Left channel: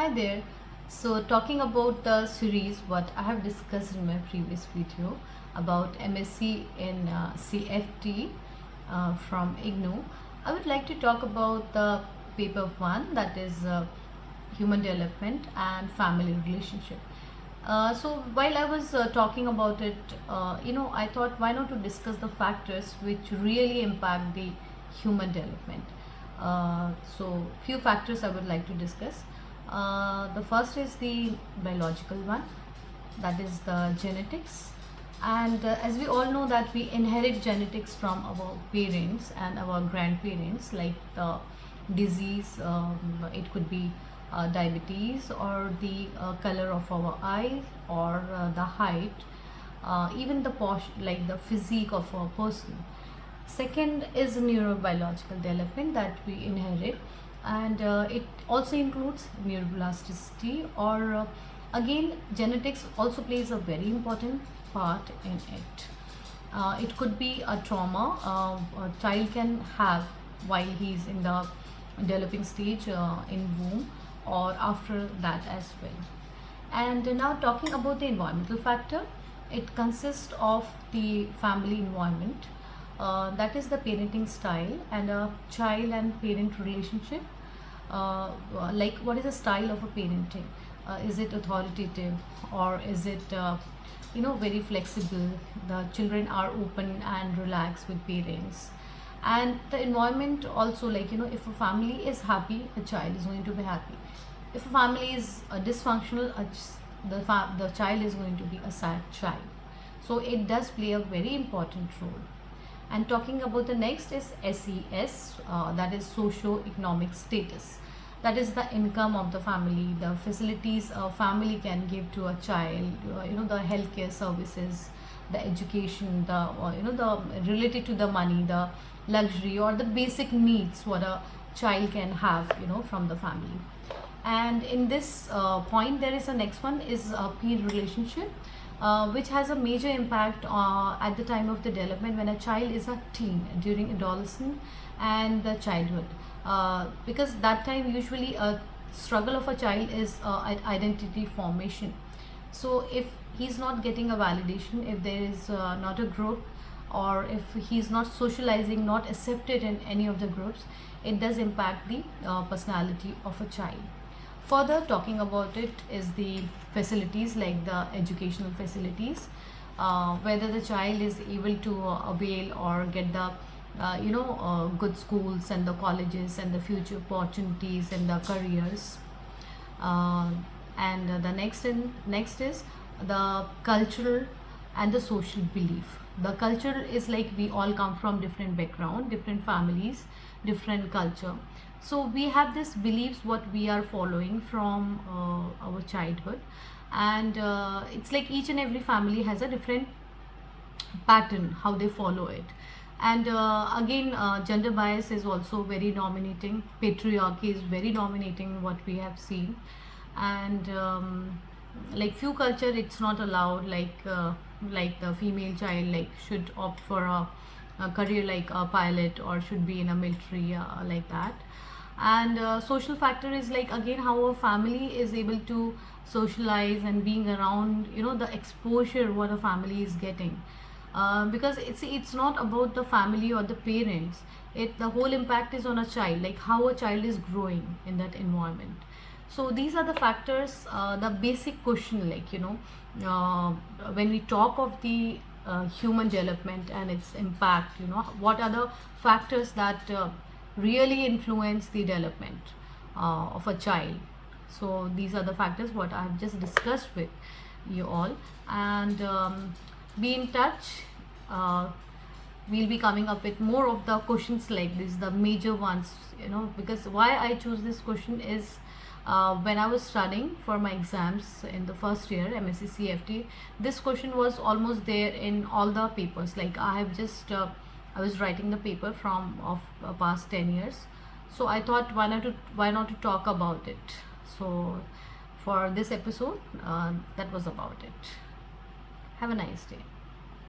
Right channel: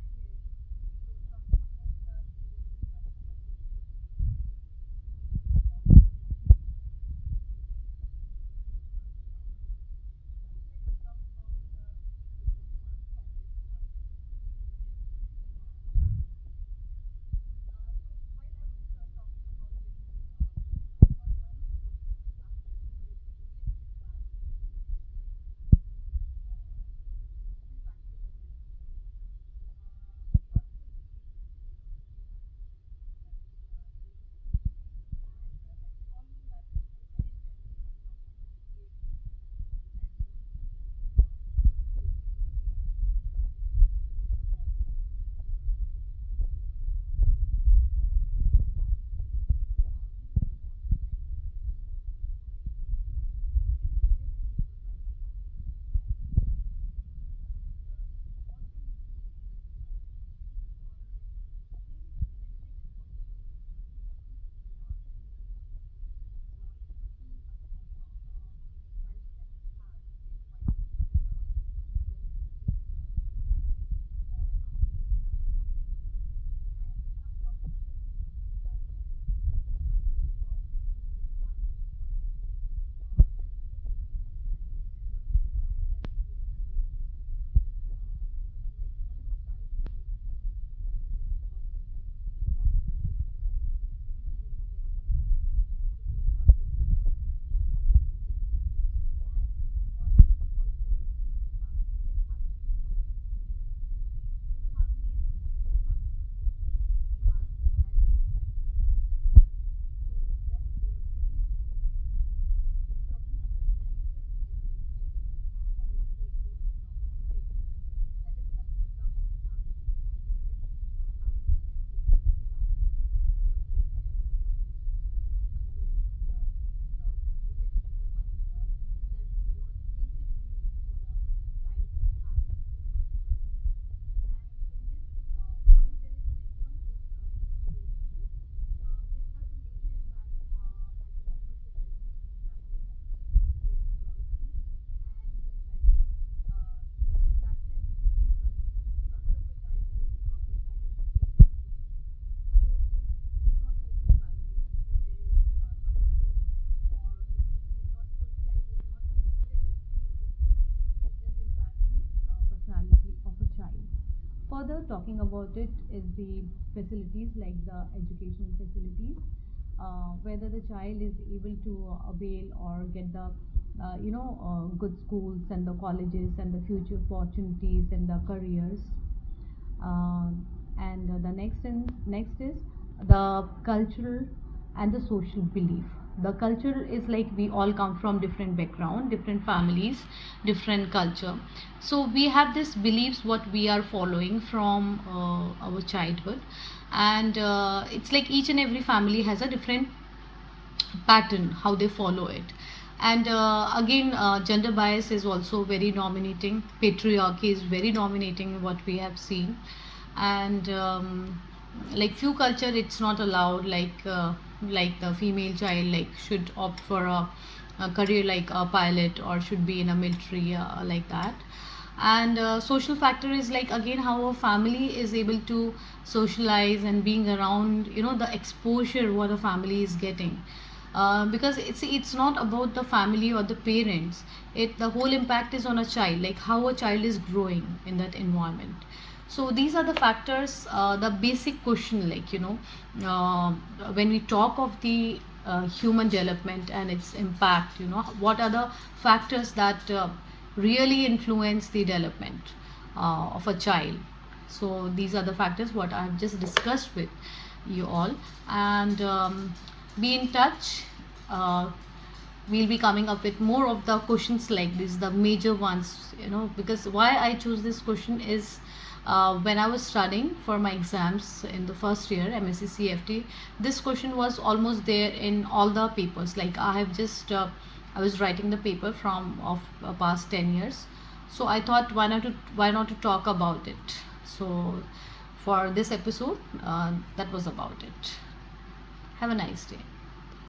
Hi there. So, talking about the series, what I have discussed in my previous video about MSc in CFT from IGNOU, I would like to talk about the paper one, that is human development and family relationship. So while I was talking about it, I thought why not to discuss the factors which really impact the human development. So few factors I would like to discuss. The first is the biological one, that is the genetics. And as we all know that we inherit genetics from our parents and our grandparents, like the disease, it could be diabetes, or the color of our eyes, or the height, even the like the physique of a person. Second is neurobiological development that we inherit, and it also includes neuroplasticity, or again genetics also plays a very important part in it. It could be a trauma a child can have while he's in the developing stage in womb, or after that as well. And now talking about the environmental factor, it consists of the family environment, that is the parenting style and a child and parent relationship. Like what is the style of a parenting? Is it authoritative, or is it very flexible? The children are open and relaxed with parents. And the environment also, like if a family is happy, a child is going to be happy. If a family is dysfunctional, the child is going to be a sad child. So it does play a very important role. And talking about the next is SES, that is socio-economic status. That is the income of the family, the facilities a family can give to a child, the healthcare services, the education, the related to the money, the luxury or the basic needs what a child can have, from the family. And in this point, there is a next one is a peer relationship, which has a major impact at the time of the development when a child is a teen, during adolescence and the childhood, because that time usually a struggle of a child is identity formation. So if he's not getting a validation, if there is not a group, or if he's not socializing, not accepted in any of the groups, it does impact the personality of a child. Further talking about it is the facilities, like the educational facilities, whether the child is able to avail or get the good schools and the colleges and the future opportunities and the careers. And the next is the cultural and the social belief. The culture is like we all come from different background, different families, different culture. So we have this beliefs what we are following from our childhood, and it's like each and every family has a different pattern how they follow it. And again, gender bias is also very dominating. Patriarchy is very dominating what we have seen. And like few culture it's not allowed, like the female child like should opt for a career like a pilot, or should be in a military, like that. And social factor is like again how a family is able to socialize and being around, the exposure what a family is getting, because it's not about the family or the parents. It the whole impact is on a child, like how a child is growing in that environment. So these are the factors, the basic question, like when we talk of the human development and its impact, what are the factors that really influence the development of a child. So these are the factors what I have just discussed with you all. And be in touch. We'll be coming up with more of the questions like this, the major ones, because why I choose this question is, when I was studying for my exams in the first year MSCFT, this question was almost there in all the papers. Like I have just I was writing the paper from of past 10 years, so I thought why not to talk about it. So for this episode, that was about it. Have a nice day.